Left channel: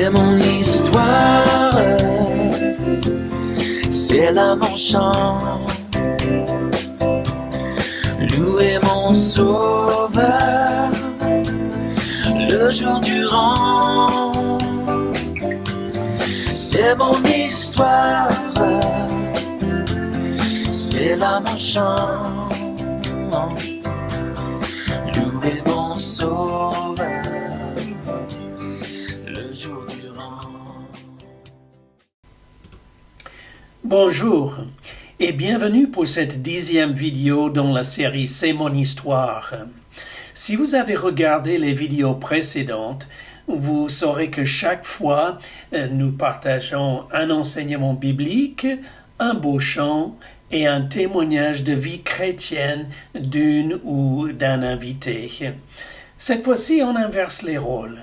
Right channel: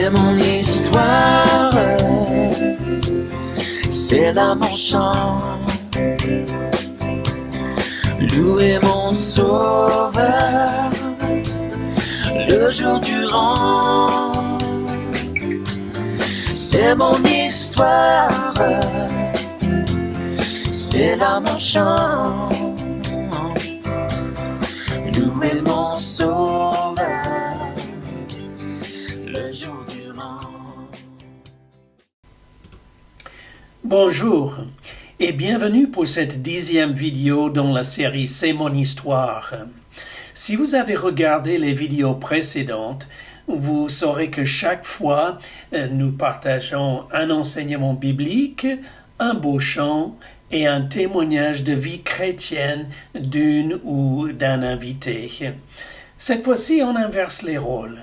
C'est mon histoire, c'est là mon chant. Louez mon sauveur le jour durant. C'est mon histoire, c'est là mon chant. Louez mon sauveur le jour durant. Bonjour et bienvenue pour cette 10e vidéo dans la série C'est mon histoire. Si vous avez regardé les vidéos précédentes, vous saurez que chaque fois nous partageons un enseignement biblique, un beau chant et un témoignage de vie chrétienne d'une ou d'un invité. Cette fois-ci, on inverse les rôles.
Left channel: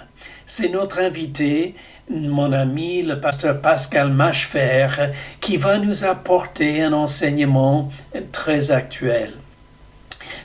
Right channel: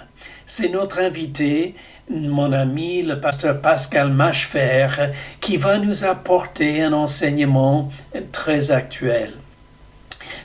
C'est notre invité, mon ami, le pasteur Pascal Machfer, qui va nous apporter un enseignement très actuel.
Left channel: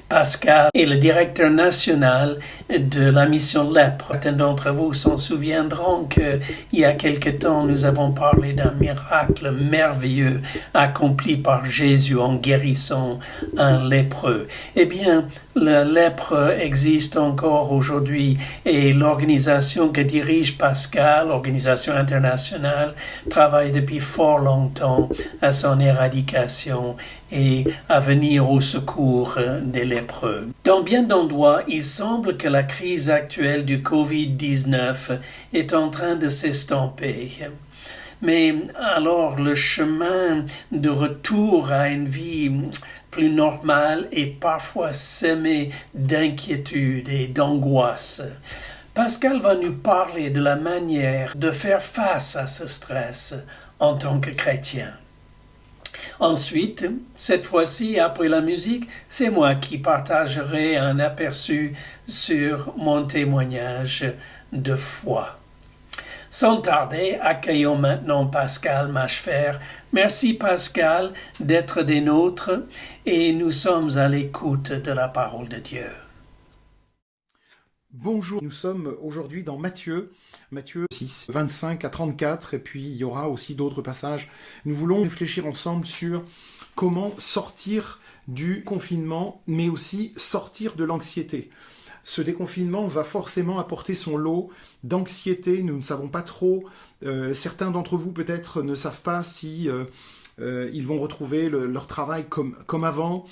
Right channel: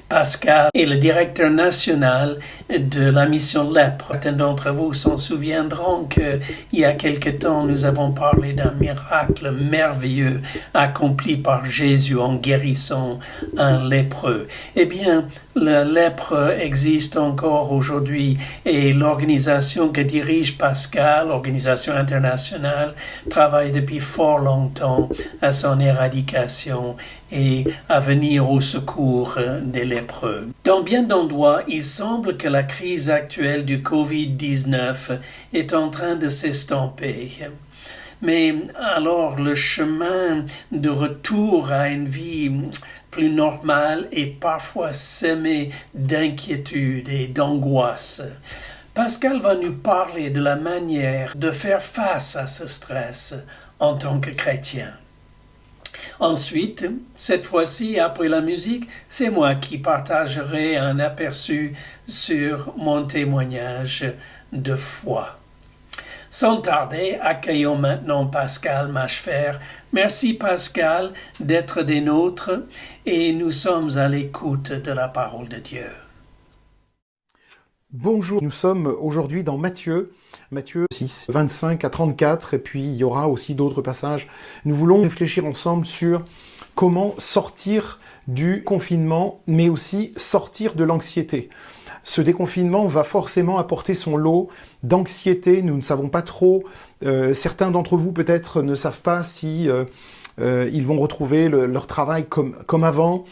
Pascal est le directeur national de la mission Lèpre. Certains d'entre vous s'en souviendront qu'il y a quelque temps, nous avons parlé d'un miracle merveilleux accompli par Jésus en guérissant un lépreux. Eh bien, la lèpre existe encore aujourd'hui et l'organisation que dirige Pascal, l'organisation internationale, travaille depuis fort longtemps à son éradication et à venir au secours des lépreux. Dans bien d'endroits, il semble que la crise actuelle du Covid-19 est en train de s'estomper. Mais alors le chemin de retour à une vie plus normale est parfois semé d'inquiétude et d'angoisse. Pascal va nous parler de la manière de faire face à ce stress en tant que chrétien. Ensuite, cette fois-ci, après la musique, c'est moi qui partagerai un aperçu sur mon témoignage de foi. Sans tarder, accueillons maintenant Pascal Machfer. Merci Pascal d'être des nôtres et nous sommes à l'écoute de la parole de Dieu. Bonjour, nous sommes aujourd'hui dans Matthieu 6, 25 à 34, et puis il y aura aussi d'autres passages. Nous voulons réfléchir ensemble sur comment sortir du confinement, mais aussi sortir de l'anxiété. Ce déconfinement va forcément apporter son lot d'anxiété. Nous ne savons pas trop. Certains d'entre vous peut-être ne savent pas si ils vont retrouver leur travail comme avant.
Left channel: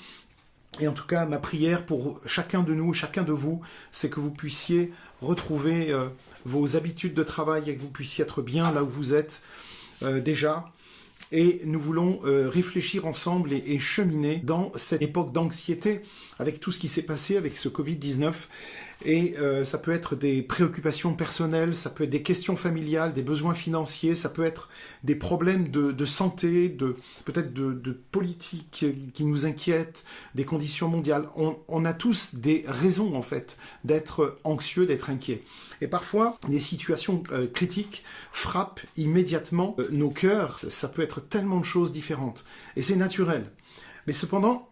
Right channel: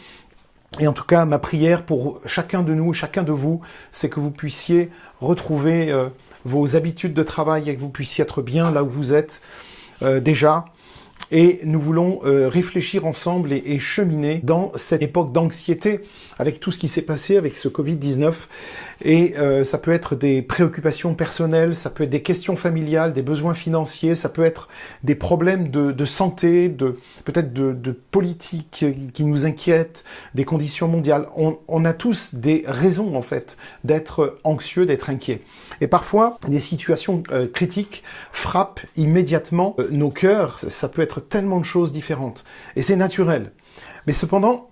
Et en tout cas, ma prière pour chacun de nous, chacun de vous, c'est que vous puissiez retrouver vos habitudes de travail et que vous puissiez être bien là où vous êtes déjà. Et nous voulons réfléchir ensemble et cheminer dans cette époque d'anxiété avec tout ce qui s'est passé avec ce Covid-19. Et ça peut être des préoccupations personnelles, ça peut être des questions familiales, des besoins financiers, ça peut être des problèmes de santé, peut-être de politique qui nous inquiètent, des conditions mondiales. On a tous des raisons en fait d'être anxieux, d'être inquiets. Et parfois, des situations critiques frappent immédiatement nos cœurs. Ça peut être tellement de choses différentes. Et c'est naturel. Mais cependant,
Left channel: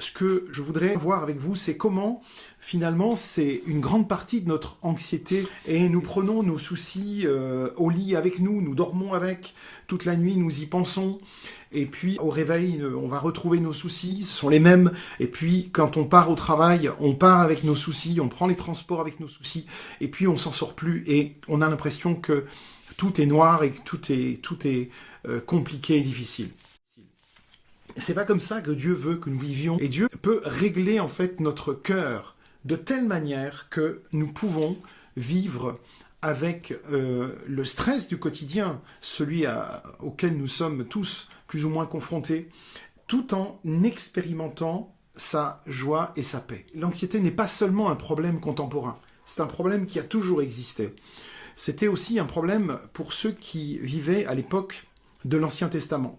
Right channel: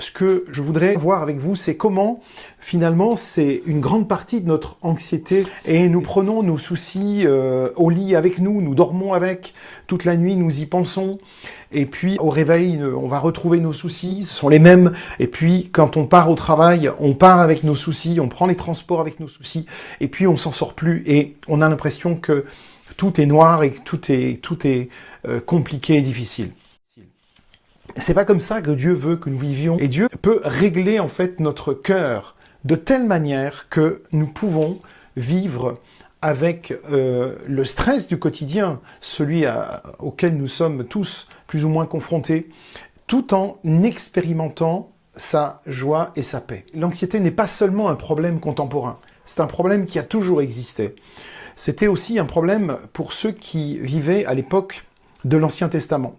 ce que je voudrais voir avec vous, c'est comment, finalement, c'est une grande partie de notre anxiété et nous prenons nos soucis au lit avec nous, nous dormons avec, toute la nuit nous y pensons et puis au réveil, on va retrouver nos soucis, ce sont les mêmes et puis quand on part au travail, on part avec nos soucis, on prend les transports avec nos soucis et puis on s'en sort plus et on a l'impression que tout est noir et que tout est compliqué et difficile. C'est pas comme ça que Dieu veut que nous vivions. Et Dieu peut régler en fait notre cœur de telle manière que nous pouvons vivre avec le stress du quotidien, celui auquel nous sommes tous plus ou moins confrontés, tout en expérimentant sa joie et sa paix. L'anxiété n'est pas seulement un problème contemporain, c'est un problème qui a toujours existé. C'était aussi un problème pour ceux qui vivaient à l'époque de l'Ancien Testament.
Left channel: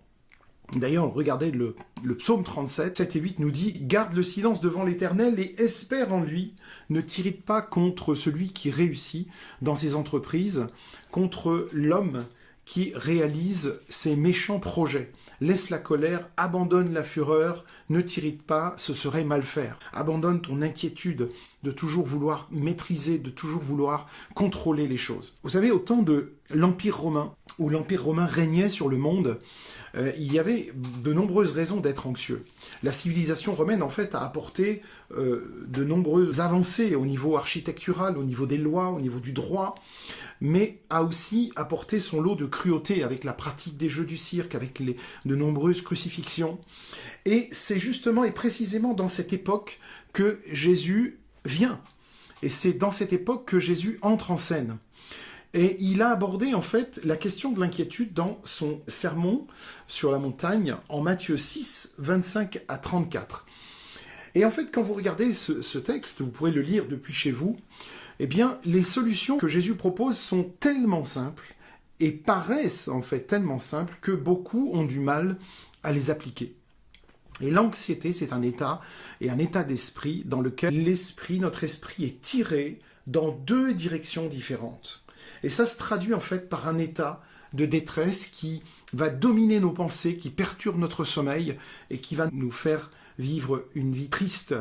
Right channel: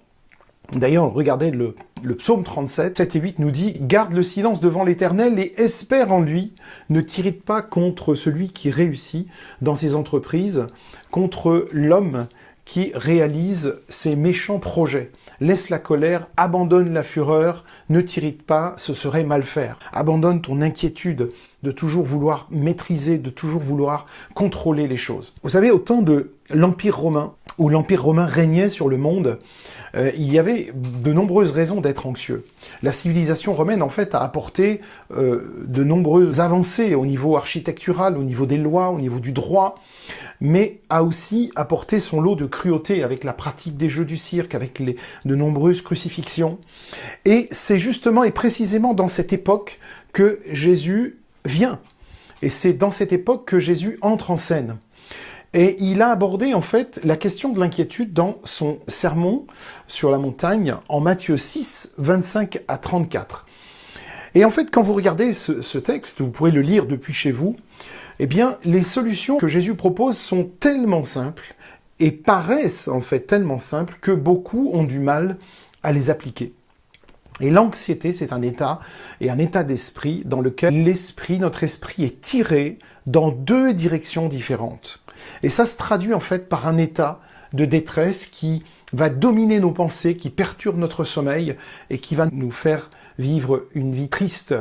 D'ailleurs, regardez le psaume 37, 7 et 8 nous dit « Garde le silence devant l'Éternel et espère en lui. Ne t'irrite pas contre celui qui réussit dans ses entreprises, contre l'homme qui réalise ses méchants projets. Laisse la colère, abandonne la fureur, ne t'irrite pas, ce serait mal faire. Abandonne ton inquiétude, de toujours vouloir maîtriser, de toujours vouloir contrôler les choses. Vous savez, au temps de l'Empire romain, où l'Empire romain régnait sur le monde, il y avait de nombreuses raisons d'être anxieux. La civilisation romaine, en fait, a apporté de nombreuses avancées au niveau architectural, au niveau des lois, au niveau du droit, mais a aussi apporté son lot de cruauté avec la pratique des jeux du cirque, avec de nombreuses crucifixions. Et c'est justement et précisément dans cette époque que Jésus vient. Et c'est dans cette époque que Jésus entre en scène. Et il a abordé en fait la question de l'inquiétude dans son sermon sur la montagne en Matthieu 6, 25 à 34. Et en fait, quand vous regardez ce texte, vous pourrez le lire depuis chez vous, eh bien, les solutions que Jésus propose sont tellement simples et paraissent en fait tellement simples que beaucoup ont du mal à les appliquer. Et l'anxiété, c'est un état et un état d'esprit dans lequel notre esprit est tiré dans deux directions différentes. Et ça se traduit en fait par un état de détresse qui va dominer nos pensées, qui perturbe notre sommeil et qui va nous faire vivre une vie triste.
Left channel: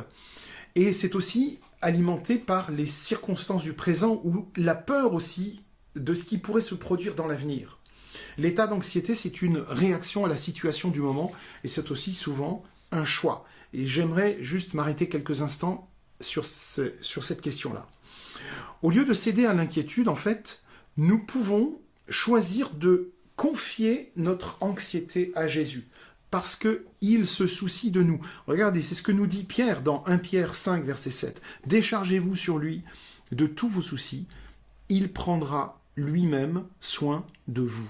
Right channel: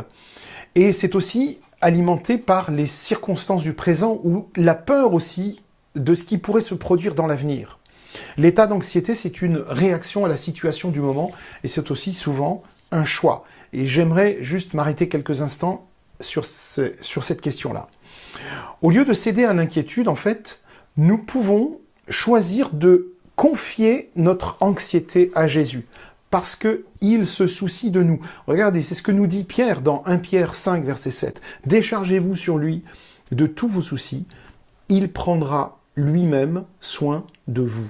Et c'est aussi alimenté par les circonstances du présent ou la peur aussi de ce qui pourrait se produire dans l'avenir. L'état d'anxiété, c'est une réaction à la situation du moment et c'est aussi souvent un choix. Et j'aimerais juste m'arrêter quelques instants sur cette question-là. Au lieu de céder à l'inquiétude, en fait, nous pouvons choisir de confier notre anxiété à Jésus parce qu'il se soucie de nous. Regardez, c'est ce que nous dit Pierre dans 1 Pierre 5, verset 7. « Déchargez-vous sur lui de tous vos soucis, il prendra lui-même soin de vous. »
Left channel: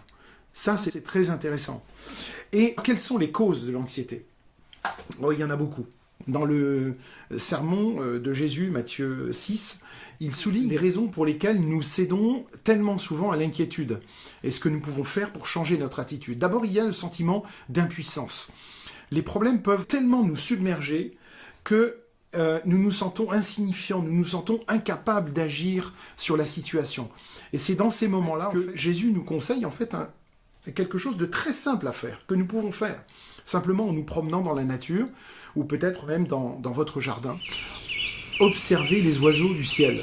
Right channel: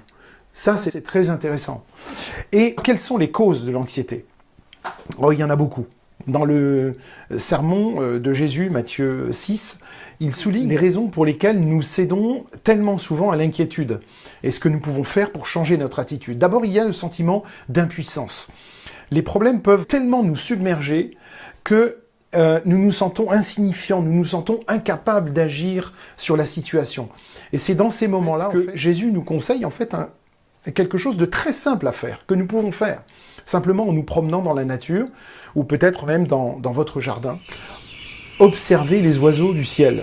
Ça, c'est très intéressant. Et quelles sont les causes de l'anxiété ? Oh, il y en a beaucoup. Dans le sermon de Jésus, Matthieu 6, il souligne les raisons pour lesquelles nous cédons tellement souvent à l'inquiétude et ce que nous pouvons faire pour changer notre attitude. D'abord, il y a le sentiment d'impuissance. Les problèmes peuvent tellement nous submerger que nous nous sentons insignifiants, nous nous sentons incapables d'agir sur la situation. Et c'est dans ces moments-là que Jésus nous conseille en fait quelque chose de très simple à faire, que nous pouvons faire. Simplement en nous promenant dans la nature, ou peut-être même dans votre jardin. Observez les oiseaux du ciel,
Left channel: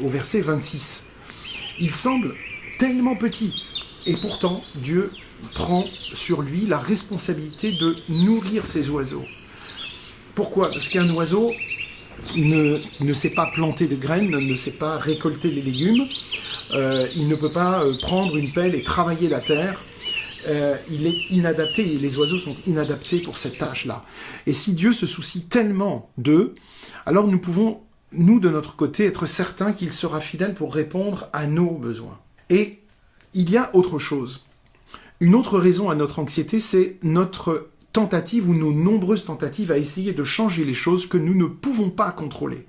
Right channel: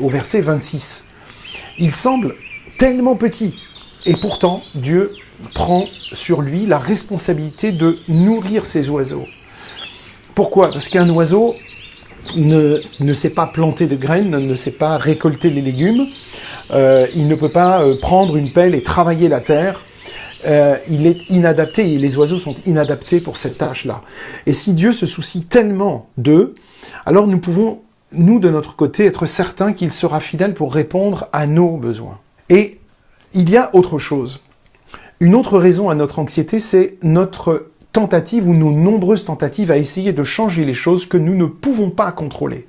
au verset 26. Ils semblent tellement petits, et pourtant Dieu prend sur lui la responsabilité de nourrir ces oiseaux. Pourquoi ? Parce qu'un oiseau ne sait pas planter de graines, ne sait pas récolter les légumes, il ne peut pas prendre une pelle et travailler la terre. Il est inadapté, et les oiseaux sont inadaptés pour cette tâche-là. Et si Dieu se soucie tellement d'eux, alors nous pouvons, nous de notre côté, être certains qu'il sera fidèle pour répondre à nos besoins. Et il y a autre chose. Une autre raison à notre anxiété, c'est notre tentative ou nos nombreuses tentatives à essayer de changer les choses que nous ne pouvons pas contrôler.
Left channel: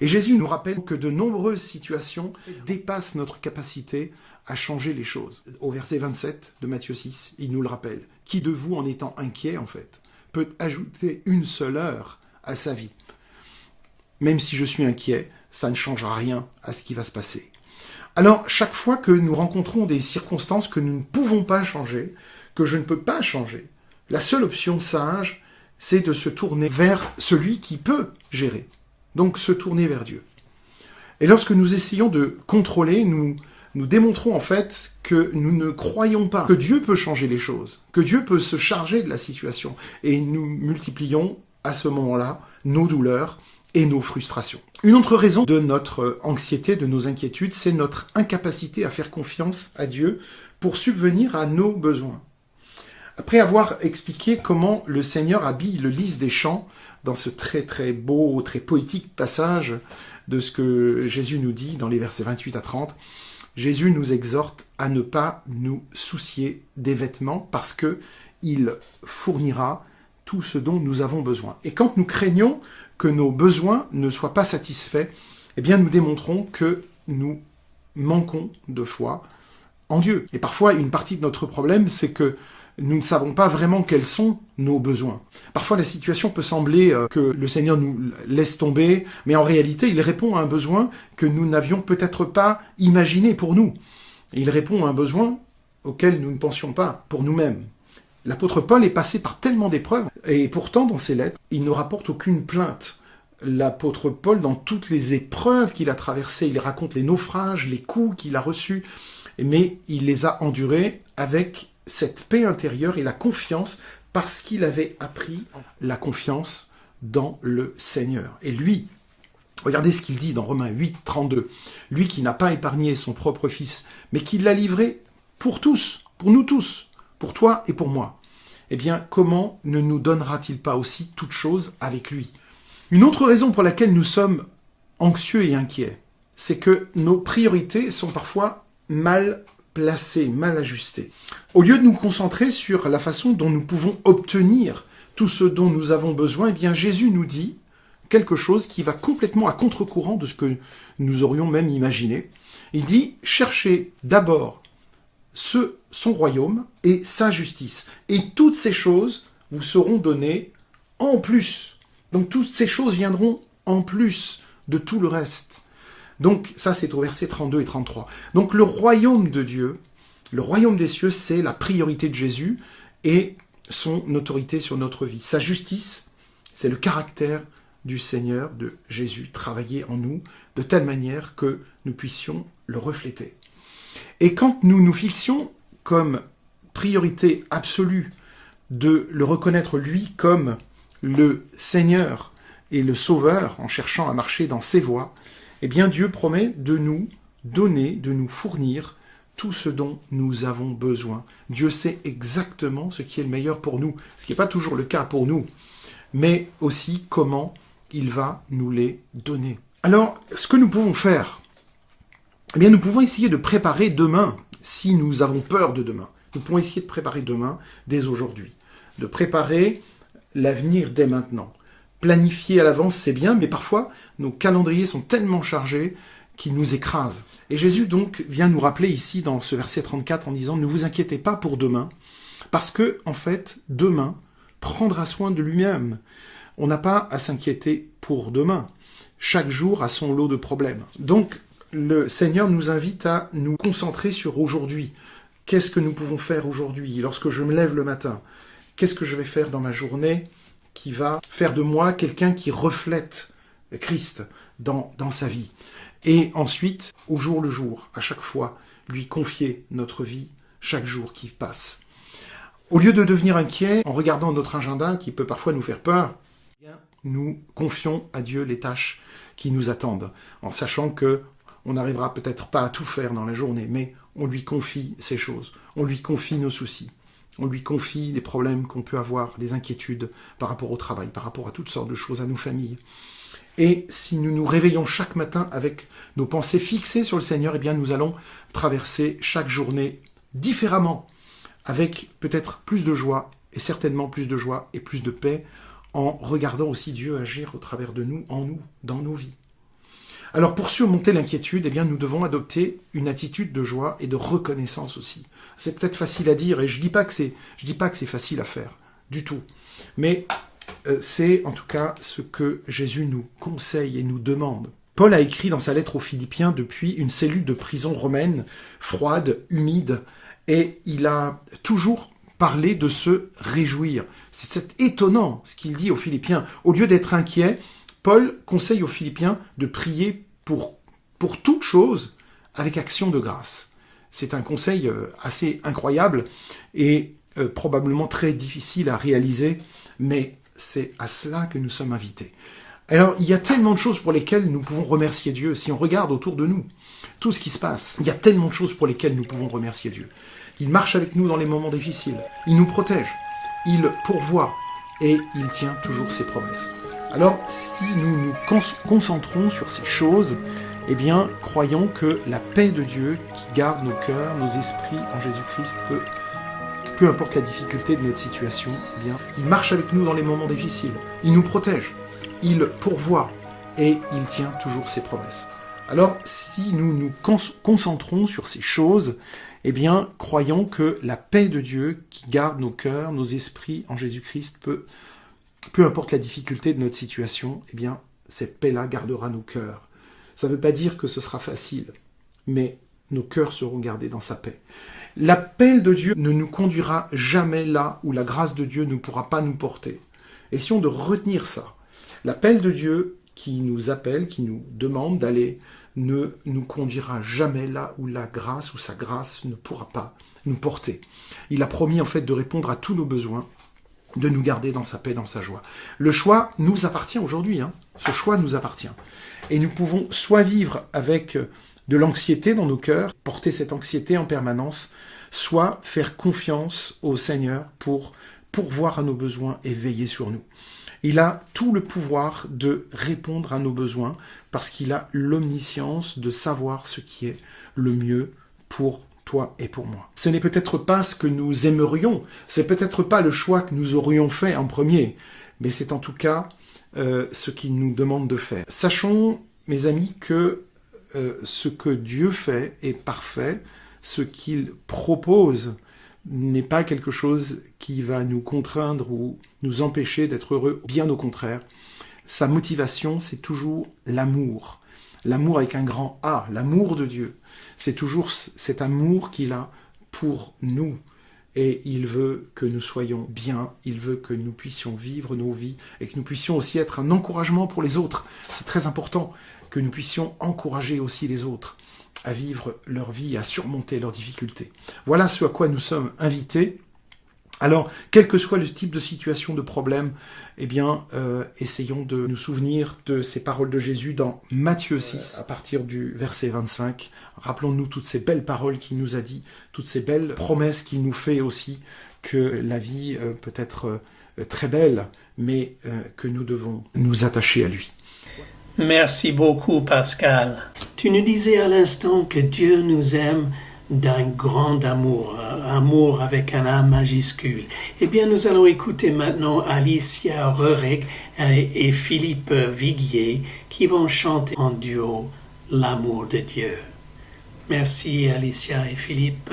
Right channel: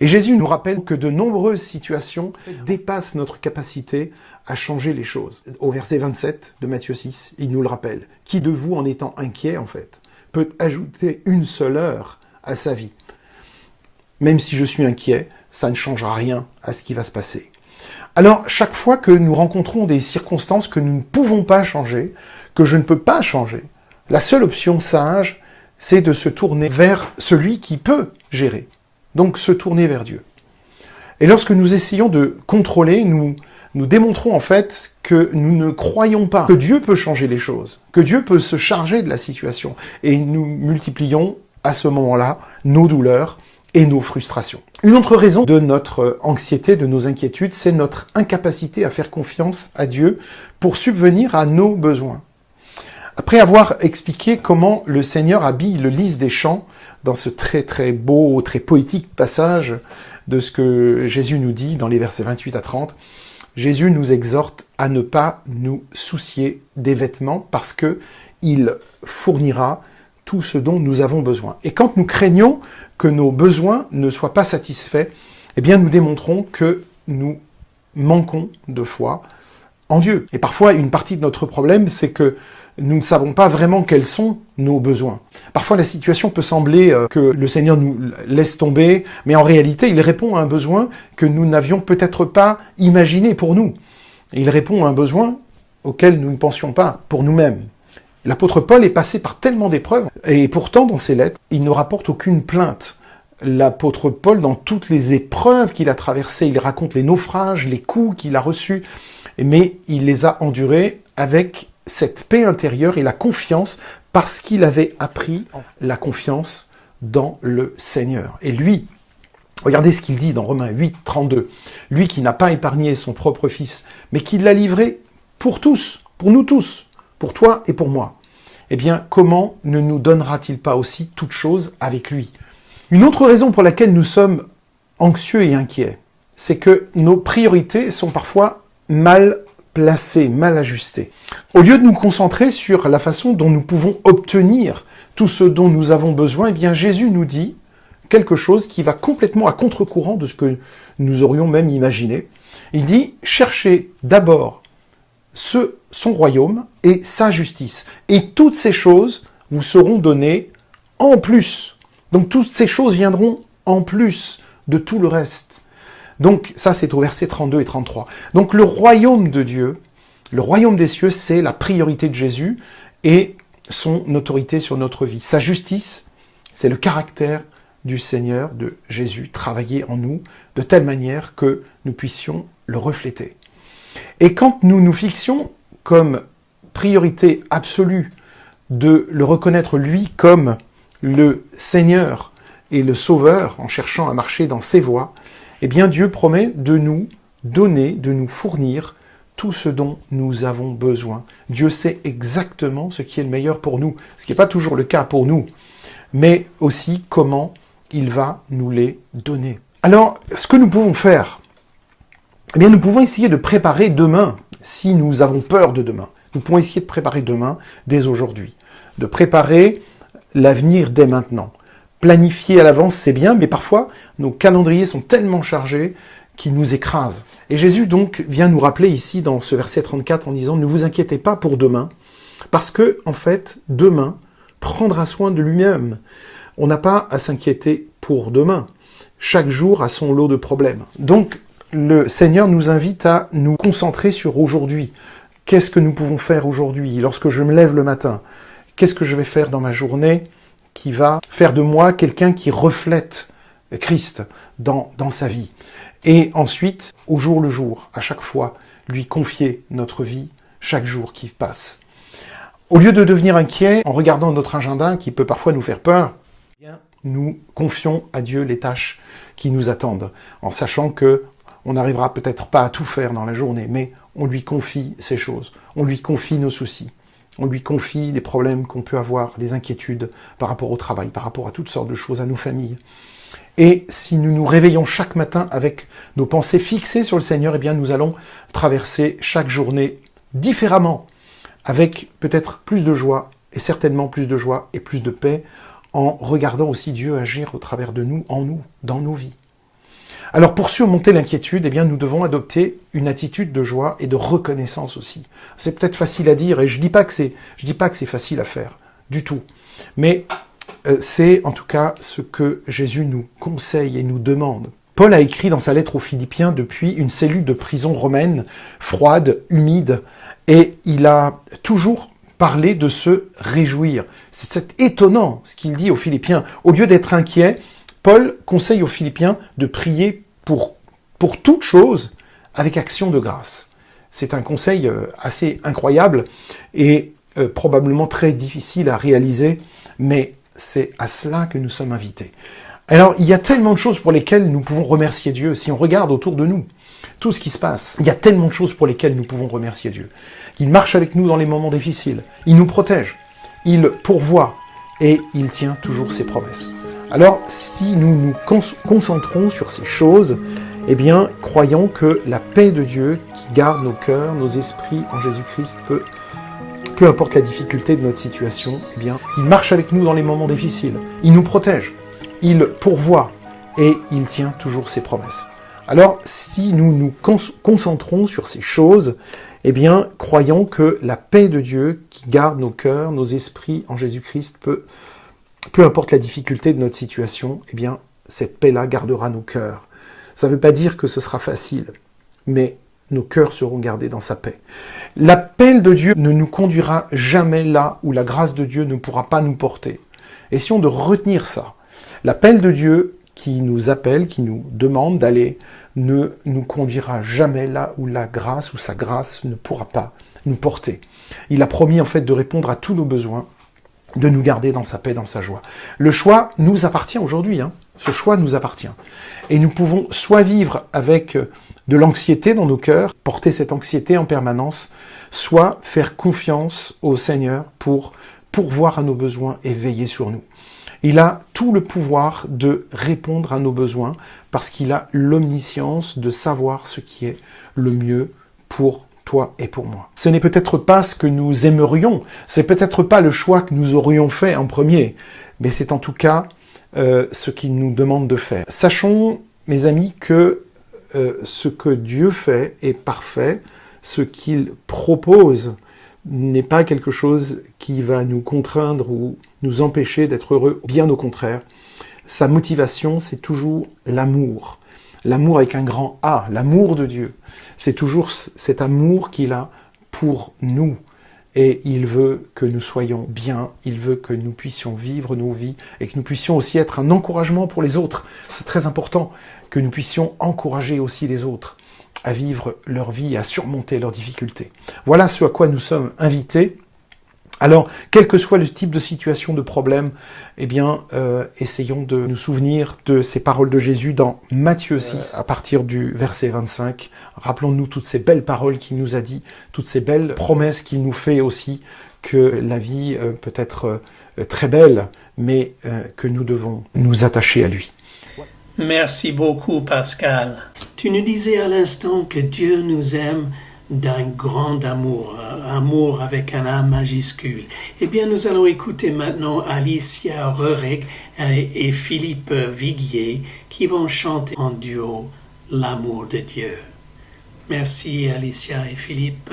Et Jésus nous rappelle que de nombreuses situations dépassent notre capacité à changer les choses. Au verset 27 de Matthieu 6, il nous le rappelle. Qui de vous, en étant inquiet, en fait, peut ajouter une seule heure à sa vie ? Même si je suis inquiet, ça ne changera rien à ce qui va se passer. Alors, chaque fois que nous rencontrons des circonstances que nous ne pouvons pas changer, que je ne peux pas changer, la seule option sage, c'est de se tourner vers celui qui peut gérer. Donc, se tourner vers Dieu. Et lorsque nous essayons de contrôler, nous démontrons en fait que nous ne croyons pas que Dieu peut changer les choses, que Dieu peut se charger de la situation. Et nous multiplions à ce moment-là nos douleurs et nos frustrations. Une autre raison de notre anxiété, de nos inquiétudes, c'est notre incapacité à faire confiance à Dieu pour subvenir à nos besoins. Après avoir expliqué comment le Seigneur habille le lys des champs, dans ce très très beau, très poétique passage de ce que Jésus nous dit dans les versets 28 à 30, Jésus nous exhorte à ne pas nous soucier des vêtements parce qu'il fournira tout ce dont nous avons besoin. Et quand nous craignons que nos besoins ne soient pas satisfaits, eh bien nous démontrons que nous manquons de foi en Dieu. Et parfois, une partie de notre problème, c'est que nous ne savons pas vraiment quels sont nos besoins. Parfois, la situation peut sembler que le Seigneur nous laisse tomber, mais en réalité, il répond à un besoin que nous n'avions peut-être pas imaginé pour nous. Il répond à un besoin auquel nous ne pensions pas pour nous-mêmes. L'apôtre Paul est passé par tellement d'épreuves, et pourtant, dans ses lettres, il ne rapporte aucune plainte l'apôtre Paul, dans toutes les épreuves qu'il a traversées, il raconte les naufrages, les coups qu'il a reçus, mais il les a endurés avec cette paix intérieure et la confiance, parce qu'il avait appris la confiance dans le Seigneur. Et lui, regardez ce qu'il dit dans Romains 8, 32, lui qui n'a pas épargné son propre fils, mais qui l'a livré pour tous, pour nous tous, pour toi et pour moi. Eh bien, comment ne nous donnera-t-il pas aussi toutes choses avec lui? Une autre raison pour laquelle nous sommes anxieux et inquiets, c'est que nos priorités sont parfois mal placées, mal ajustées. Au lieu de nous concentrer sur la façon dont nous pouvons obtenir tout ce dont nous avons besoin, eh bien, Jésus nous dit quelque chose qui va complètement à contre-courant de ce que nous aurions même imaginé. Il dit, cherchez d'abord son royaume et sa justice. Et toutes ces choses vous seront données en plus. Donc toutes ces choses viendront en plus de tout le reste. Donc ça c'est au verset 32 et 33. Donc le royaume de Dieu, le royaume des cieux, c'est la priorité de Jésus et son autorité sur notre vie. Sa justice, c'est le caractère du Seigneur, de Jésus, travailler en nous de telle manière que nous puissions le refléter. Et quand nous nous fixions comme priorité absolue de le reconnaître lui comme le Seigneur et le Sauveur, en cherchant à marcher dans ses voies, eh bien Dieu promet de nous donner, de nous fournir tout ce dont nous avons besoin. Dieu sait exactement ce qui est le meilleur pour nous, ce qui n'est pas toujours le cas pour nous, mais aussi comment il va nous les donner. Alors, ce que nous pouvons faire, eh bien, nous pouvons essayer de préparer demain, si nous avons peur de demain. Nous pouvons essayer de préparer demain dès aujourd'hui, de préparer l'avenir dès maintenant. Planifier à l'avance, c'est bien, mais parfois, nos calendriers sont tellement chargés qu'ils nous écrasent. Et Jésus, donc, vient nous rappeler ici, dans ce verset 34, en disant « Ne vous inquiétez pas pour demain, parce que, en fait, demain prendra soin de lui-même. » On n'a pas à s'inquiéter pour demain. Chaque jour a son lot de problèmes. Donc, le Seigneur nous invite à nous concentrer sur aujourd'hui. Qu'est-ce que nous pouvons faire aujourd'hui? Lorsque je me lève le matin, qu'est-ce que je vais faire dans ma journée qui va faire de moi quelqu'un qui reflète Christ dans sa vie? Et ensuite, au jour le jour, à chaque fois, lui confier notre vie chaque jour qui passe. Au lieu de devenir inquiet en regardant notre agenda qui peut parfois nous faire peur, nous confions à Dieu les tâches qui nous attendent, en sachant que on n'arrivera peut-être pas à tout faire dans la journée, mais on lui confie ces choses, on lui confie nos soucis, on lui confie les problèmes qu'on peut avoir, les inquiétudes par rapport au travail, par rapport à toutes sortes de choses, à nos familles. Et si nous nous réveillons chaque matin avec nos pensées fixées sur le Seigneur, eh bien nous allons traverser chaque journée différemment, avec peut-être plus de joie, et certainement plus de joie et plus de paix, en regardant aussi Dieu agir au travers de nous, en nous, dans nos vies. Alors pour surmonter l'inquiétude, eh bien nous devons adopter une attitude de joie et de reconnaissance aussi. C'est peut-être facile à dire, et je dis pas que c'est facile à faire, du tout. Mais c'est en tout cas ce que Jésus nous conseille et nous demande. Paul a écrit dans sa lettre aux Philippiens depuis une cellule de prison romaine, froide, humide, et il a toujours parlé de se réjouir. C'est étonnant ce qu'il dit aux Philippiens. Au lieu d'être inquiet, Paul conseille aux Philippiens de prier pour toute chose avec action de grâce. C'est un conseil assez incroyable et probablement très difficile à réaliser, mais c'est à cela que nous sommes invités. Alors, il y a tellement de choses pour lesquelles nous pouvons remercier Dieu. Si on regarde autour de nous, tout ce qui se passe, il y a tellement de choses pour lesquelles nous pouvons remercier Dieu. Il marche avec nous dans les moments difficiles. Il nous protège. Il pourvoit. Et il tient toujours ses promesses. Alors, si nous nous concentrons sur ces choses, eh bien, croyons que la paix de Dieu qui garde nos cœurs, nos esprits en Jésus-Christ peu importe la difficulté de notre situation, eh bien, il marche avec nous dans les moments difficiles. Il nous protège. Il pourvoit. Et il tient toujours ses promesses. Alors, si nous nous concentrons sur ces choses, eh bien, croyons que la paix de Dieu qui garde nos cœurs, nos esprits en Jésus-Christ, peu importe la difficulté de notre situation, eh bien, cette paix-là gardera nos cœurs. Ça ne veut pas dire que ce sera facile, mais nos cœurs seront gardés dans sa paix. L'appel de Dieu ne nous conduira jamais là où la grâce de Dieu ne pourra pas nous porter. Essayons de retenir ça. L'appel de Dieu qui nous appelle, qui nous demande d'aller, ne nous conduira jamais là où la grâce ou sa grâce ne pourra pas nous porter. Il a promis en fait de répondre à tous nos besoins, de nous garder dans sa paix, dans sa joie. Le choix nous appartient aujourd'hui, ce choix nous appartient. Et nous pouvons soit vivre avec de l'anxiété dans nos cœurs, porter cette anxiété en permanence, soit faire confiance au Seigneur pour pourvoir à nos besoins et veiller sur nous. Il a tout le pouvoir de répondre à nos besoins parce qu'il a l'omniscience de savoir ce qui est le mieux pour toi et pour moi. Ce n'est peut-être pas ce que nous aimerions, c'est peut-être pas le choix que nous aurions fait en premier, mais c'est en tout cas ce qu'il nous demande de faire. Sachons, mes amis, que ce que Dieu fait est parfait, ce qu'il propose n'est pas quelque chose qui va nous contraindre ou nous empêcher d'être heureux, bien au contraire. Sa motivation, c'est toujours l'amour. L'amour avec un grand A, l'amour de Dieu. C'est toujours cet amour qu'il a pour nous. Et il veut que nous soyons bien, il veut que nous puissions vivre nos vies et que nous puissions aussi être un encouragement pour les autres. C'est très important que nous puissions encourager aussi les autres à vivre leur vie et à surmonter leurs difficultés. Voilà ce à quoi nous sommes invités. Alors, quel que soit le type de situation, de problème, essayons de nous souvenir de ces paroles de Jésus dans Matthieu 6, à partir du verset 25. Rappelons-nous toutes ces belles paroles qu'il nous a dit, toutes ces belles promesses qu'il nous fait aussi, que la vie peut être très belle, mais que nous devons nous attacher à lui. Merci beaucoup, Pascal. Tu nous disais à l'instant que Dieu nous aime d'un grand amour, amour avec un A majuscule. Eh bien, nous allons écouter maintenant Alicia Röhrig et Philippe Viguier qui vont chanter en duo L'amour de Dieu. Merci Alicia et Philippe.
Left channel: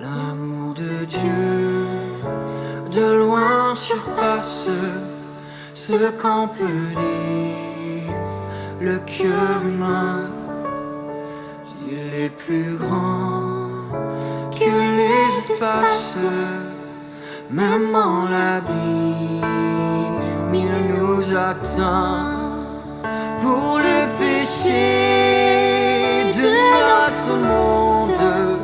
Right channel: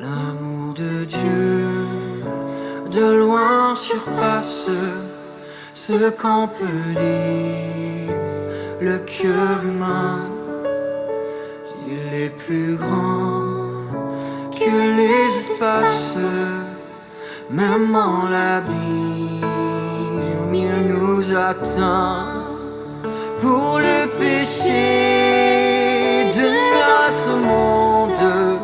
L'amour de Dieu, de loin surpasse ce qu'on peut dire. Le cœur humain, il est plus grand que les espaces. Même en l'abîme, il nous atteint. Pour le péché de notre monde,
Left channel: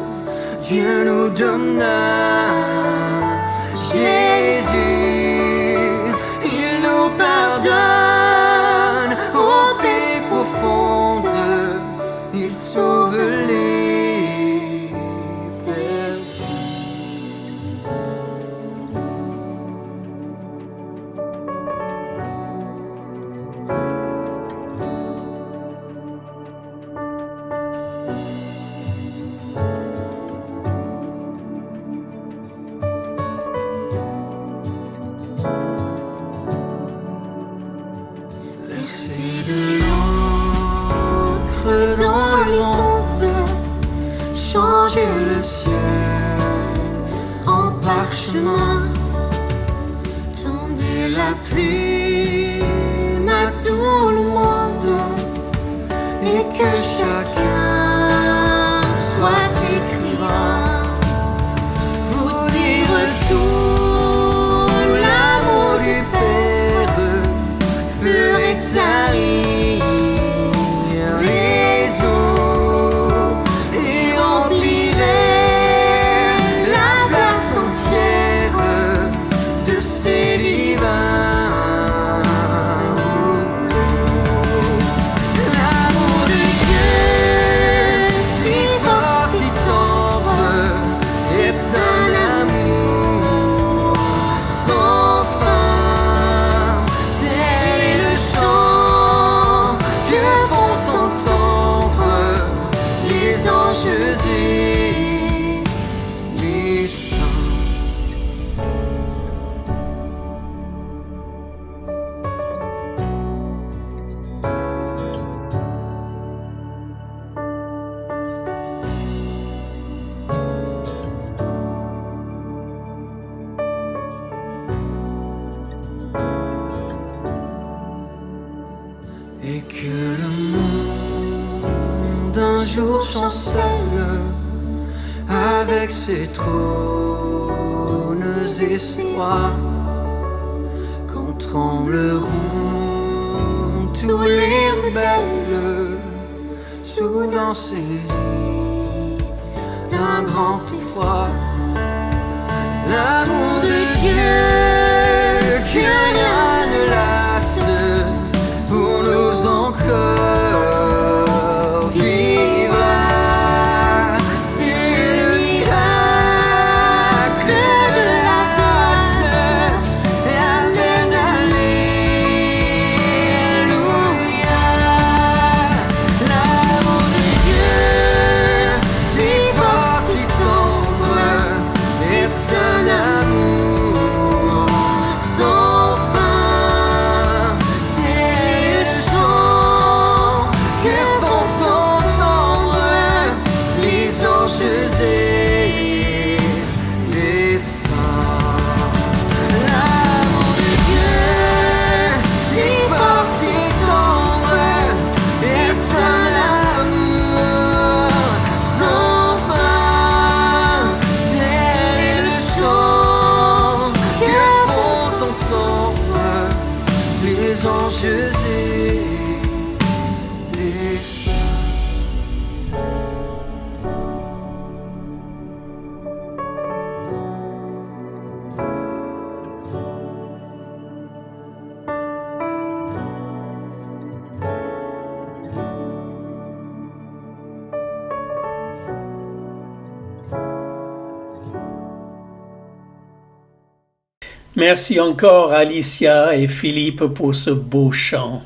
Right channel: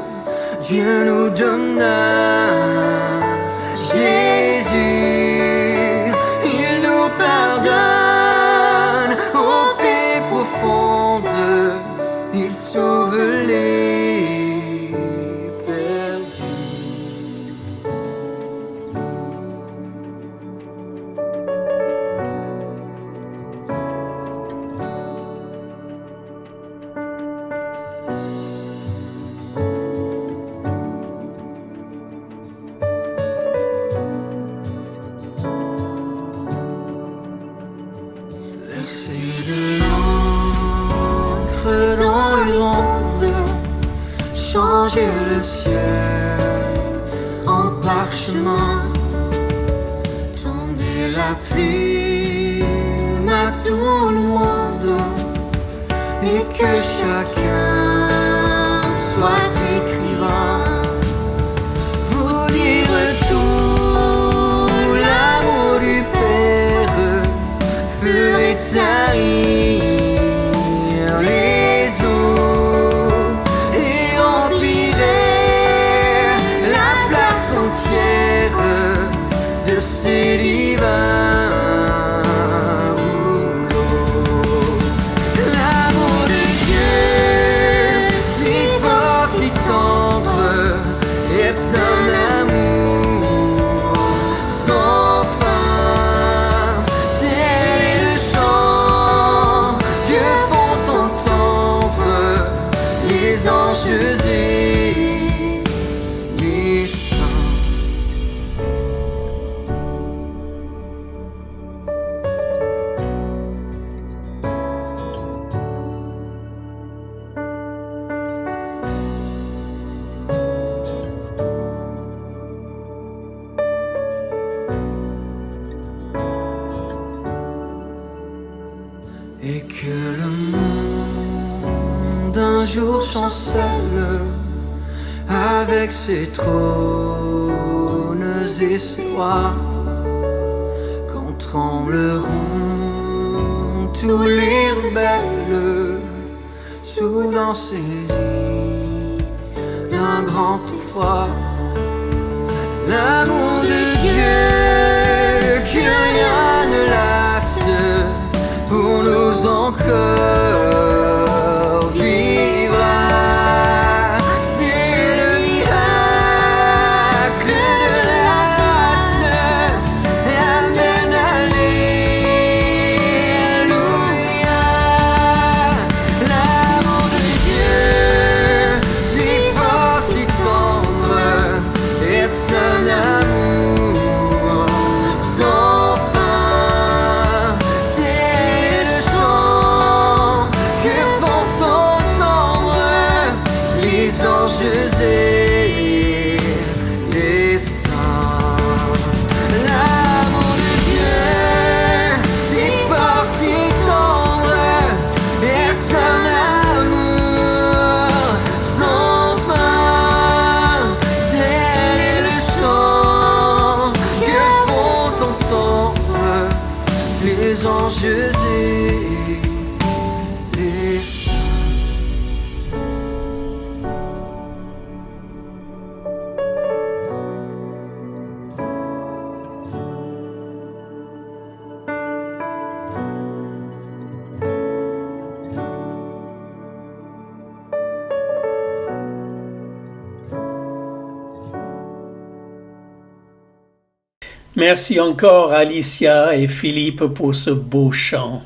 Dieu nous donna Jésus, il nous pardonne aux paix profondes, il sauve les perdus. Verser de l'encre dans l'onde, changer le ciel en parchemin, tendez la plume à tout le monde et que chacun soit écrivain. Vous dire tout l'amour du Père ferait tarir les eaux et remplirait la place entière de ces divins rouleaux. L'amour de Dieu chancelle avec ses trônes et ses rois. Quand trembleront tous les rebelles, soudain saisis d'un grand effroi. L'amour de Dieu que rien ne lasse pour nous encore vivra. C'est le miracle de la grâce. Amen, alléluia. L'amour de Dieu, si fort, si tendre, est un amour sans fin. Tel est le chant que font entendre les anges et les saints. L'amour de Dieu, si fort, si tendre, est un amour sans fin. Tel est le chant que font entendre les anges et les saints. Merci encore Alicia et Philippe pour ce beau chant.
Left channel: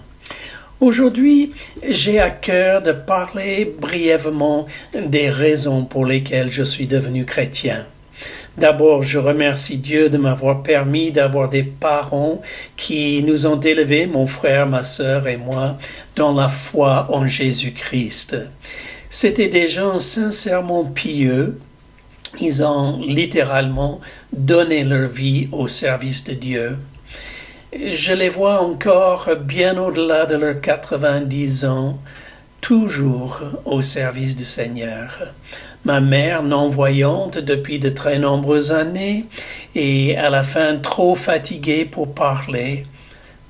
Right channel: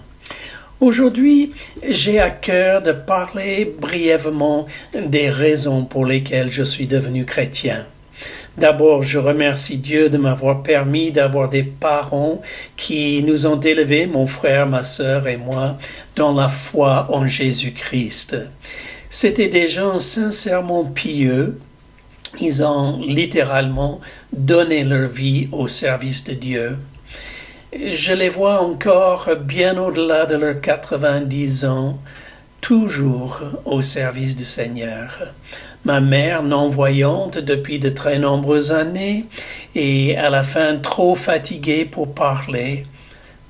Aujourd'hui, j'ai à cœur de parler brièvement des raisons pour lesquelles je suis devenu chrétien. D'abord, je remercie Dieu de m'avoir permis d'avoir des parents qui nous ont élevés, mon frère, ma sœur et moi, dans la foi en Jésus-Christ. C'étaient des gens sincèrement pieux. Ils ont littéralement donné leur vie au service de Dieu. Je les vois encore bien au-delà de leurs 90 ans, toujours au service du Seigneur. Ma mère, non-voyante depuis de très nombreuses années, et à la fin trop fatiguée pour parler,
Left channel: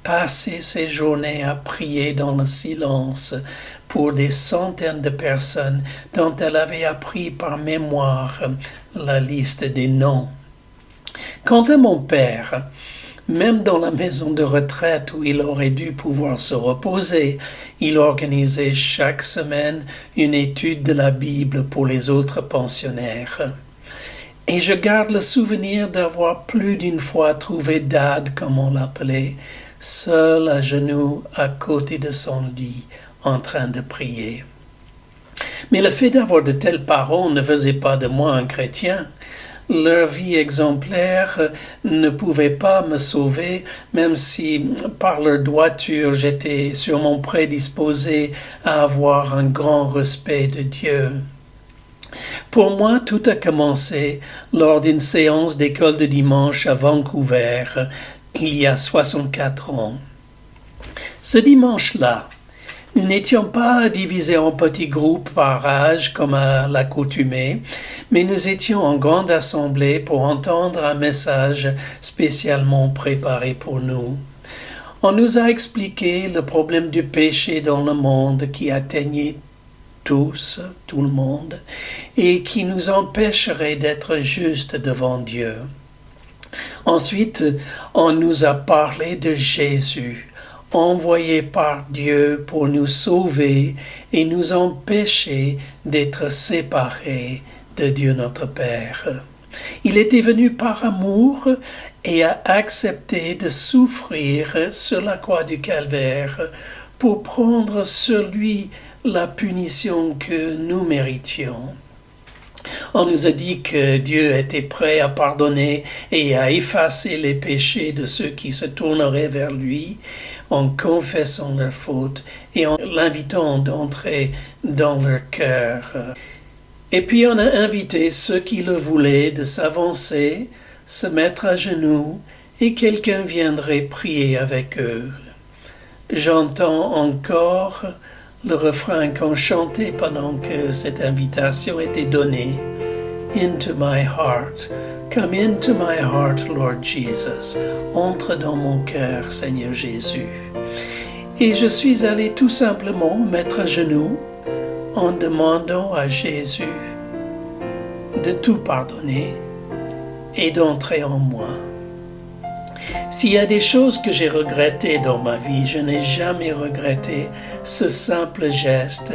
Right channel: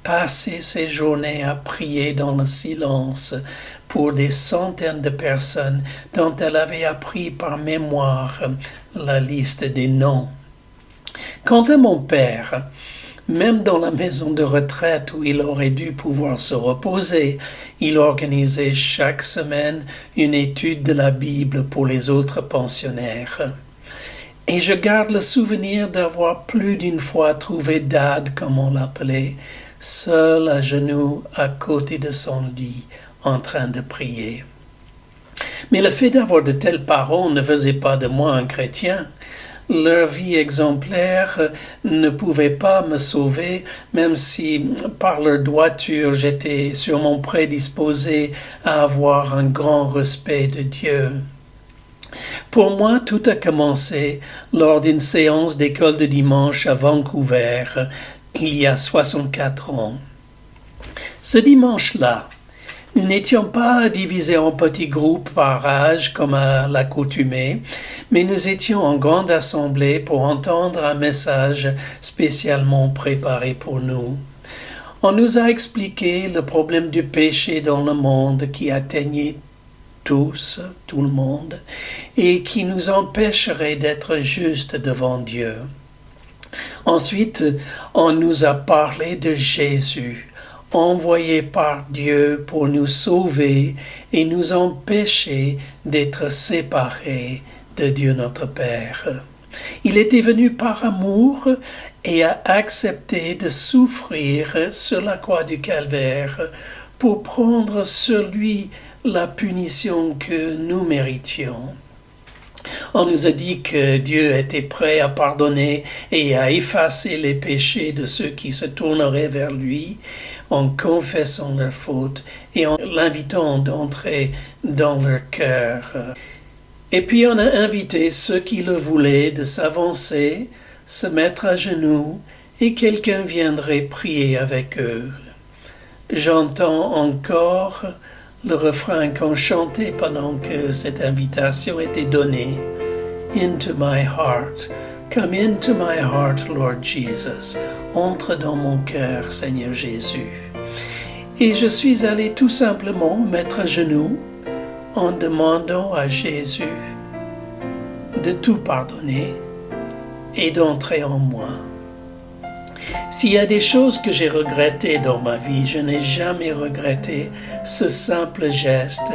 passait ses journées à prier dans le silence pour des centaines de personnes dont elle avait appris par mémoire la liste des noms. Quant à mon père, même dans la maison de retraite où il aurait dû pouvoir se reposer, il organisait chaque semaine une étude de la Bible pour les autres pensionnaires. Et je garde le souvenir d'avoir plus d'une fois trouvé Dad, comme on l'appelait, seul à genoux à côté de son lit, en train de prier. Mais le fait d'avoir de tels parents ne faisait pas de moi un chrétien. Leur vie exemplaire ne pouvait pas me sauver, même si par leur droiture j'étais sûrement prédisposé à avoir un grand respect de Dieu. Pour moi, tout a commencé lors d'une séance d'école de dimanche à Vancouver, il y a 64 ans. Ce dimanche-là, nous n'étions pas divisés en petits groupes par âge comme à l'accoutumée, mais nous étions en grande assemblée pour entendre un message spécialement préparé pour nous. On nous a expliqué le problème du péché dans le monde qui atteignait tout le monde, et qui nous empêcherait d'être justes devant Dieu. Ensuite, on nous a parlé de Jésus, envoyé par Dieu pour nous sauver et nous empêcher d'être séparés de Dieu notre Père. Il était venu par amour et a accepté de souffrir sur la croix du Calvaire pour prendre sur lui la punition que nous méritions. On nous a dit que Dieu était prêt à pardonner et à effacer les péchés de ceux qui se tourneraient vers lui en confessant leurs fautes et en l'invitant d'entrer dans leur cœur. Et puis on a invité ceux qui le voulaient de s'avancer, se mettre à genoux et quelqu'un viendrait prier avec eux. J'entends encore le refrain qu'on chantait pendant que cette invitation était donnée. Into my heart. Come into my heart, Lord Jesus. Entre dans mon cœur, Seigneur Jésus. Et je suis allé tout simplement mettre à genoux en demandant à Jésus de tout pardonner et d'entrer en moi. S'il y a des choses que j'ai regrettées dans ma vie, je n'ai jamais regretté ce simple geste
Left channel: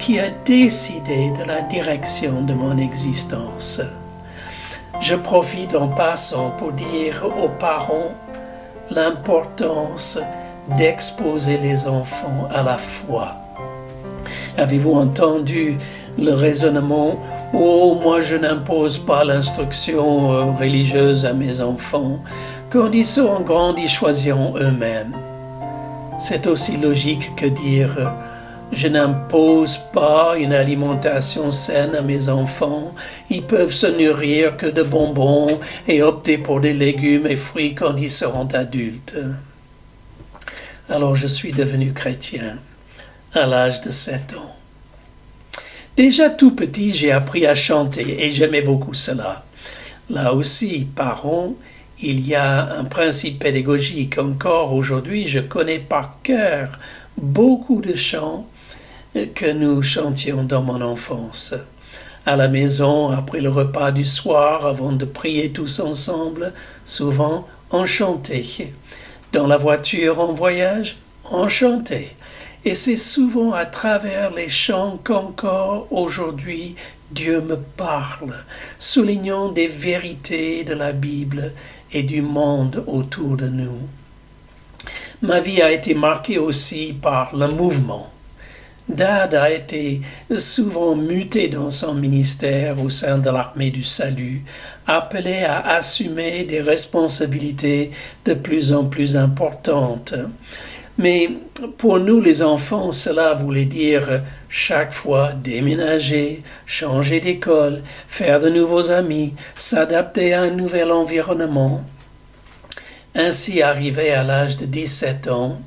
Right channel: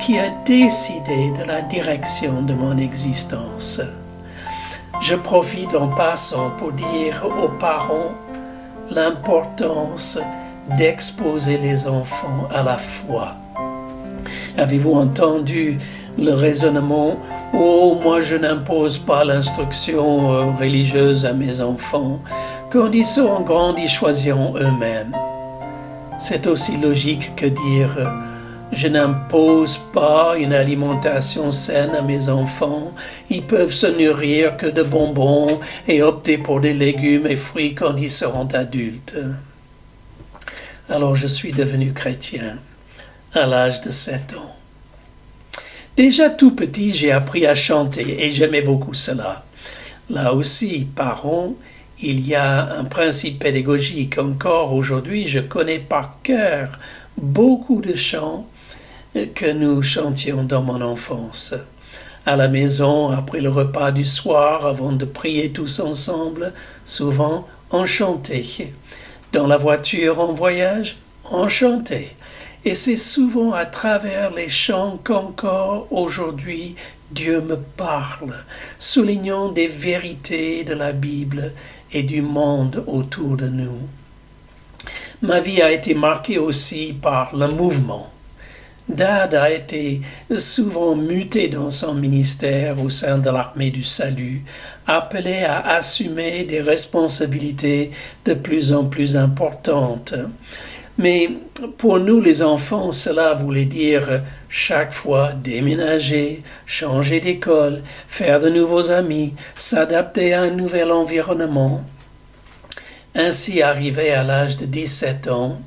qui a décidé de la direction de mon existence. Je profite en passant pour dire aux parents l'importance d'exposer les enfants à la foi. Avez-vous entendu le raisonnement « Oh, moi je n'impose pas l'instruction religieuse à mes enfants. Quand ils seront grands, ils choisiront eux-mêmes. » C'est aussi logique que dire « Je n'impose pas une alimentation saine à mes enfants. Ils peuvent se nourrir que de bonbons et opter pour des légumes et fruits quand ils seront adultes. » Alors je suis devenu chrétien à l'âge de 7 ans. Déjà tout petit, j'ai appris à chanter et j'aimais beaucoup cela. Là aussi, parents, il y a un principe pédagogique. Encore aujourd'hui, je connais par cœur beaucoup de chants que nous chantions dans mon enfance. À la maison, après le repas du soir, avant de prier tous ensemble, souvent on chantait. Dans la voiture en voyage, on chantait. Et c'est souvent à travers les chants qu'encore aujourd'hui Dieu me parle, soulignant des vérités de la Bible et du monde autour de nous. Ma vie a été marquée aussi par le mouvement. Dad a été souvent muté dans son ministère au sein de l'armée du salut, appelé à assumer des responsabilités de plus en plus importantes. Mais pour nous les enfants, cela voulait dire chaque fois déménager, changer d'école, faire de nouveaux amis, s'adapter à un nouvel environnement. Ainsi, arrivé à l'âge de 17 ans,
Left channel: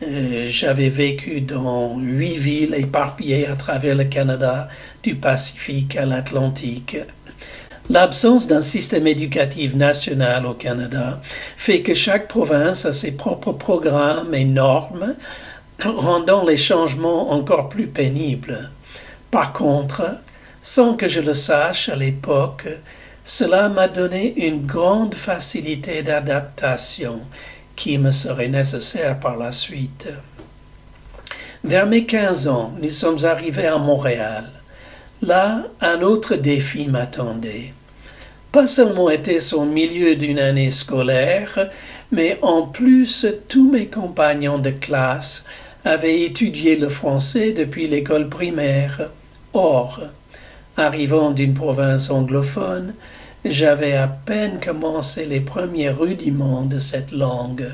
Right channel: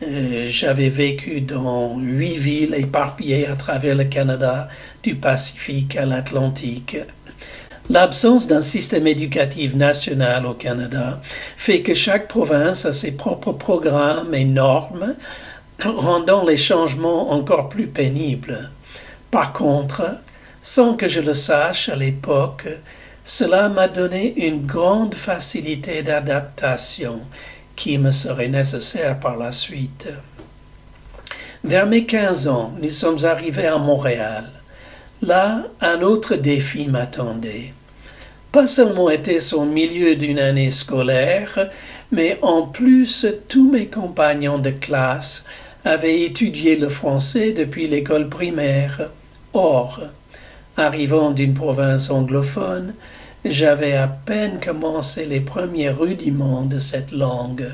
j'avais vécu dans 8 villes éparpillées à travers le Canada, du Pacifique à l'Atlantique. L'absence d'un système éducatif national au Canada fait que chaque province a ses propres programmes et normes, rendant les changements encore plus pénibles. Par contre, sans que je le sache à l'époque, cela m'a donné une grande facilité d'adaptation qui me serait nécessaire par la suite. Vers mes 15 ans, nous sommes arrivés à Montréal. Là, un autre défi m'attendait. Pas seulement était-ce au milieu d'une année scolaire, mais en plus tous mes compagnons de classe avaient étudié le français depuis l'école primaire. Or, arrivant d'une province anglophone, j'avais à peine commencé les premiers rudiments de cette langue.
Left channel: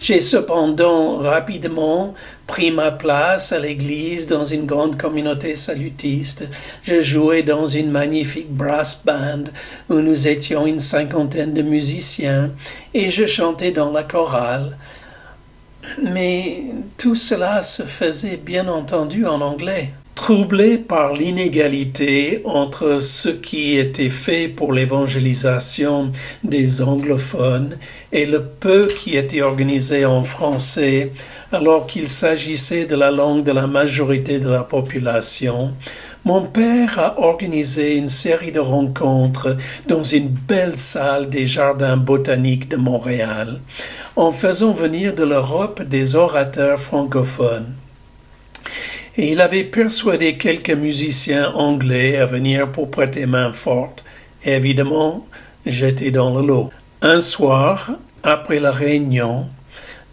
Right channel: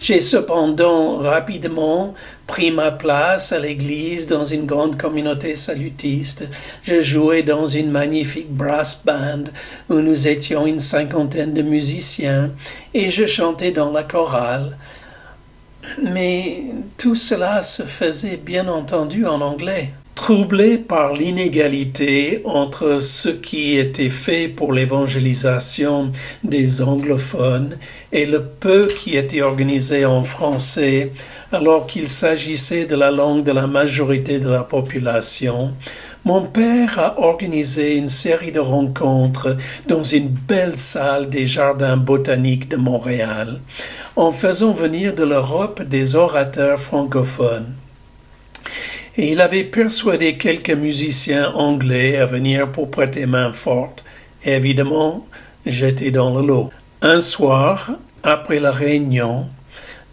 J'ai cependant rapidement pris ma place à l'église dans une grande communauté salutiste. Je jouais dans une magnifique brass band où nous étions une 50aine de musiciens et je chantais dans la chorale. Mais tout cela se faisait bien entendu en anglais. Troublé par l'inégalité entre ce qui était fait pour l'évangélisation des anglophones et le peu qui était organisé en français, alors qu'il s'agissait de la langue de la majorité de la population, mon père a organisé une série de rencontres dans une belle salle des jardins botaniques de Montréal, en faisant venir de l'Europe des orateurs francophones. Et il avait persuadé quelques musiciens anglais à venir pour prêter main forte. Et évidemment, j'étais dans le lot. Un soir, après la réunion,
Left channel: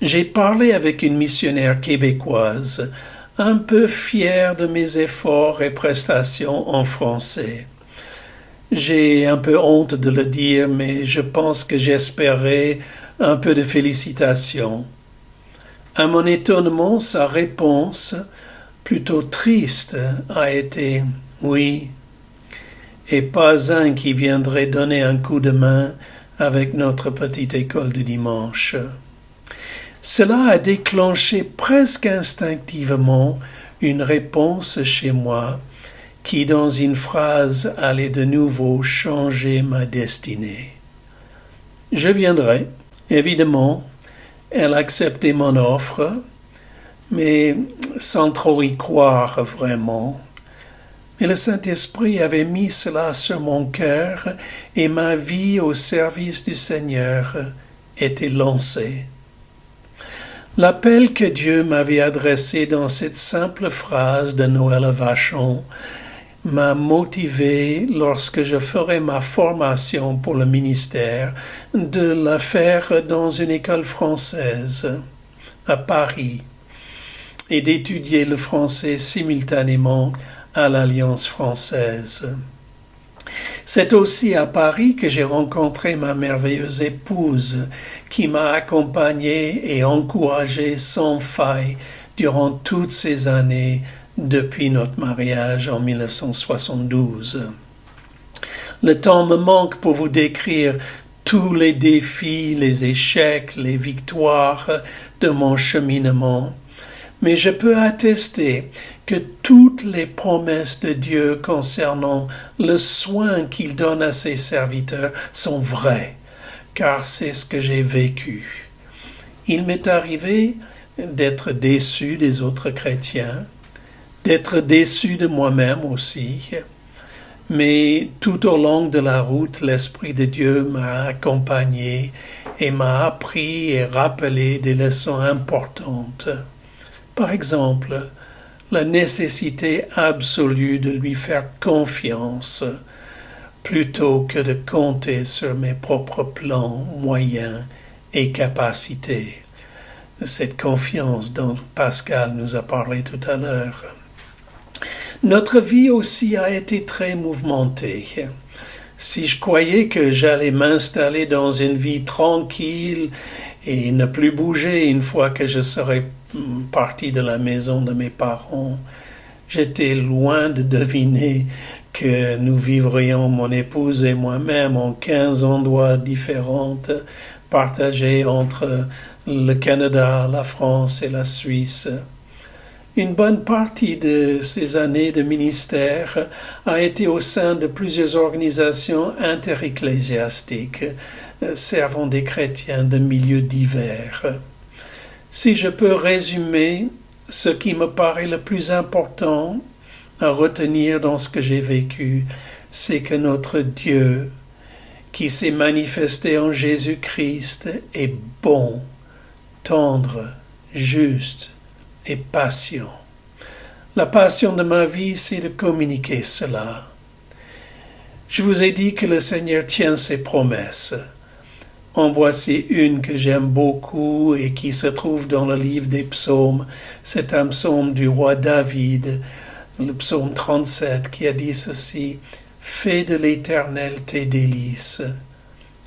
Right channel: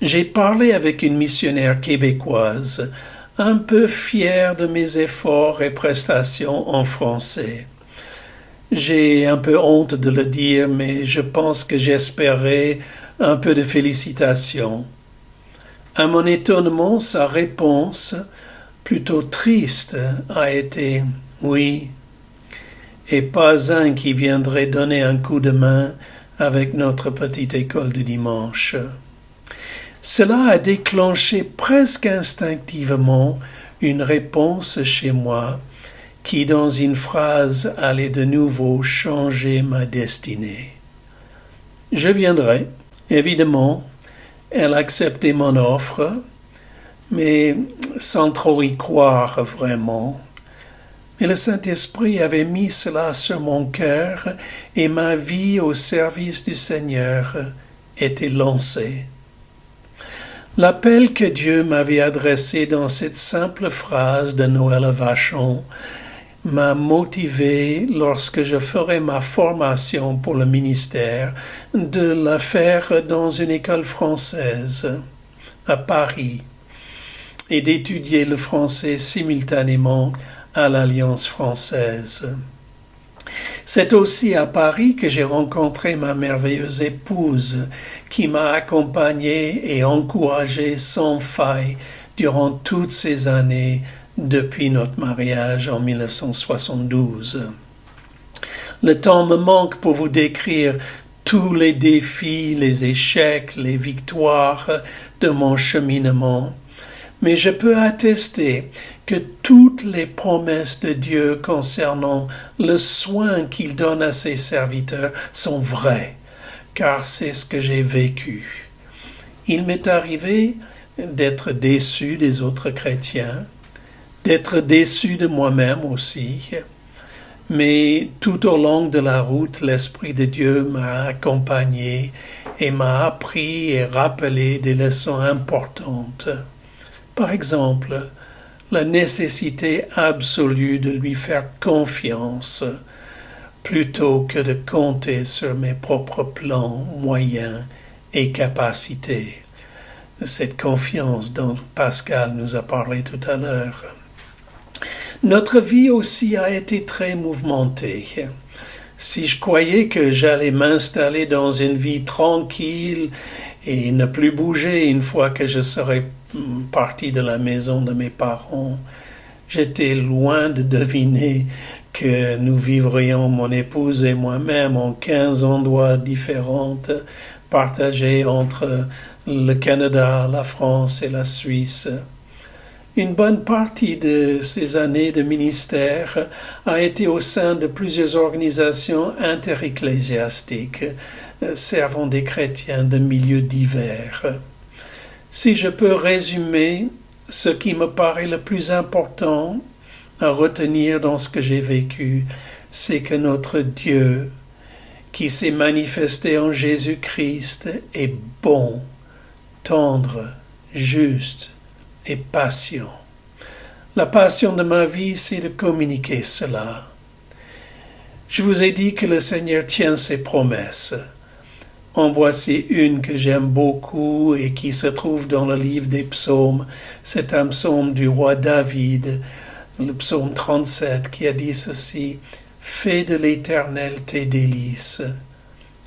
j'ai parlé avec une missionnaire québécoise, un peu fière de mes efforts et prestations en français. J'ai un peu honte de le dire, mais je pense que j'espérais un peu de félicitations. À mon étonnement, sa réponse, plutôt triste, a été « oui », et pas un qui viendrait donner un coup de main avec notre petite école de dimanche. Cela a déclenché presque instinctivement une réponse chez moi qui, dans une phrase, allait de nouveau changer ma destinée. Je viendrai, évidemment. Elle a accepté mon offre, mais sans trop y croire vraiment. Mais le Saint-Esprit avait mis cela sur mon cœur et ma vie au service du Seigneur était lancée. L'appel que Dieu m'avait adressé dans cette simple phrase de Noël Vachon m'a motivé lorsque je ferai ma formation pour le ministère de la faire dans une école française à Paris et d'étudier le français simultanément à l'Alliance française. C'est aussi à Paris que j'ai rencontré ma merveilleuse épouse qui m'a accompagné et encouragé sans faille durant toutes ces années depuis notre mariage en 1972. Le temps me manque pour vous décrire tous les défis, les échecs, les victoires de mon cheminement, mais je peux attester que toutes les promesses de Dieu concernant le soin qu'il donne à ses serviteurs sont vraies, car c'est ce que j'ai vécu. Il m'est arrivé d'être déçu des autres chrétiens, d'être déçu de moi-même aussi, mais tout au long de la route, l'Esprit de Dieu m'a accompagné et m'a appris et rappelé des leçons importantes. Par exemple, la nécessité absolue de lui faire confiance plutôt que de compter sur mes propres plans, moyens et capacités. Cette confiance dont Pascal nous a parlé tout à l'heure. Notre vie aussi a été très mouvementée. Si je croyais que j'allais m'installer dans une vie tranquille et ne plus bouger une fois que je serais parti de la maison de mes parents, j'étais loin de deviner que nous vivrions, mon épouse et moi-même, en 15 endroits différents, partagés entre le Canada, la France et la Suisse. Une bonne partie de ces années de ministère a été au sein de plusieurs organisations interecclésiastiques servant des chrétiens de milieux divers. Si je peux résumer ce qui me paraît le plus important à retenir dans ce que j'ai vécu, c'est que notre Dieu, qui s'est manifesté en Jésus-Christ, est bon, tendre, juste et patient. La passion de ma vie, c'est de communiquer cela. Je vous ai dit que le Seigneur tient ses promesses. En voici une que j'aime beaucoup et qui se trouve dans le livre des psaumes. C'est un psaume du roi David, le psaume 37, qui a dit ceci: « Fais de l'Éternel tes délices,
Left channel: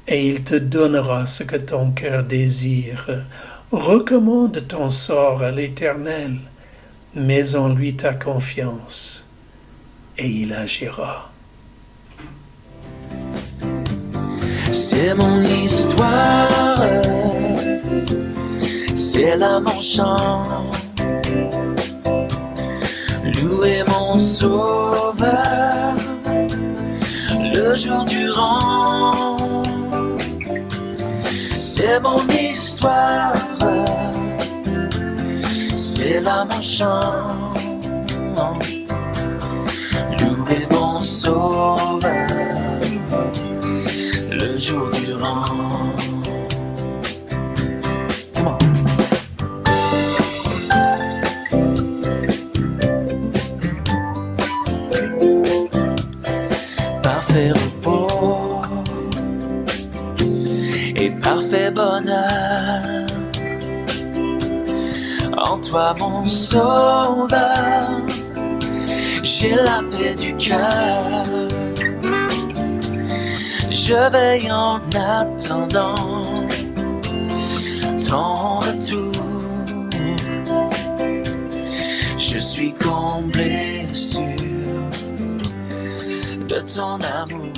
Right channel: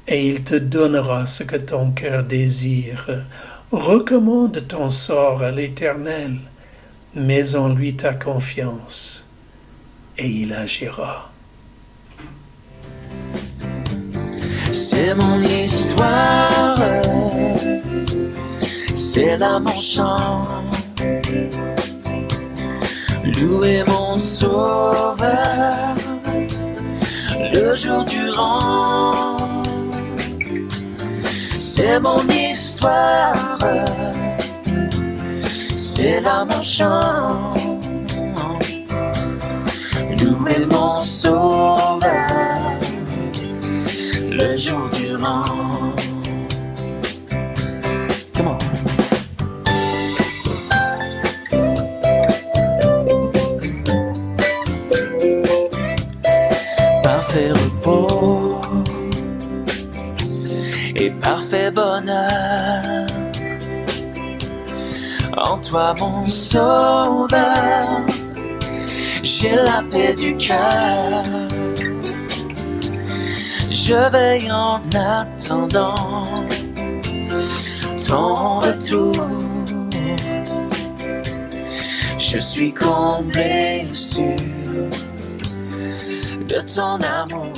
et il te donnera ce que ton cœur désire. Recommande ton sort à l'Éternel, mets en lui ta confiance, et il agira. » C'est mon histoire, c'est là mon chant. Louer mon sauveur le jour durant. C'est mon histoire, c'est là mon chant. Louer mon sauveur le jour durant. Come on. Parfait repos et parfait bonheur en toi mon sauveur, j'ai la paix du cœur. Je veille en attendant ton retour. Je suis comblé sûr de ton amour.